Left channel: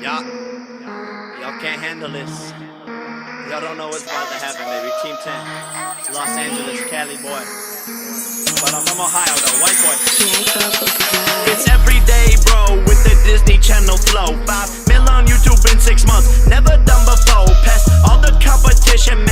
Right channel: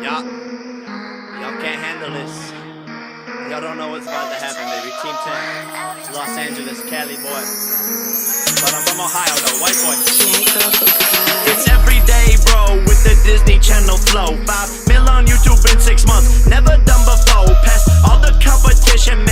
Y'all can't handle this. Y'all don't know what's about to happen, baby. Team 10, Los Angeles, Cali boy. But I'm from Ohio, though, white boy. It's every day, bro, with the Disney Channel flow. 5 mil on YouTube in 6 months, never done before. Past all the competition,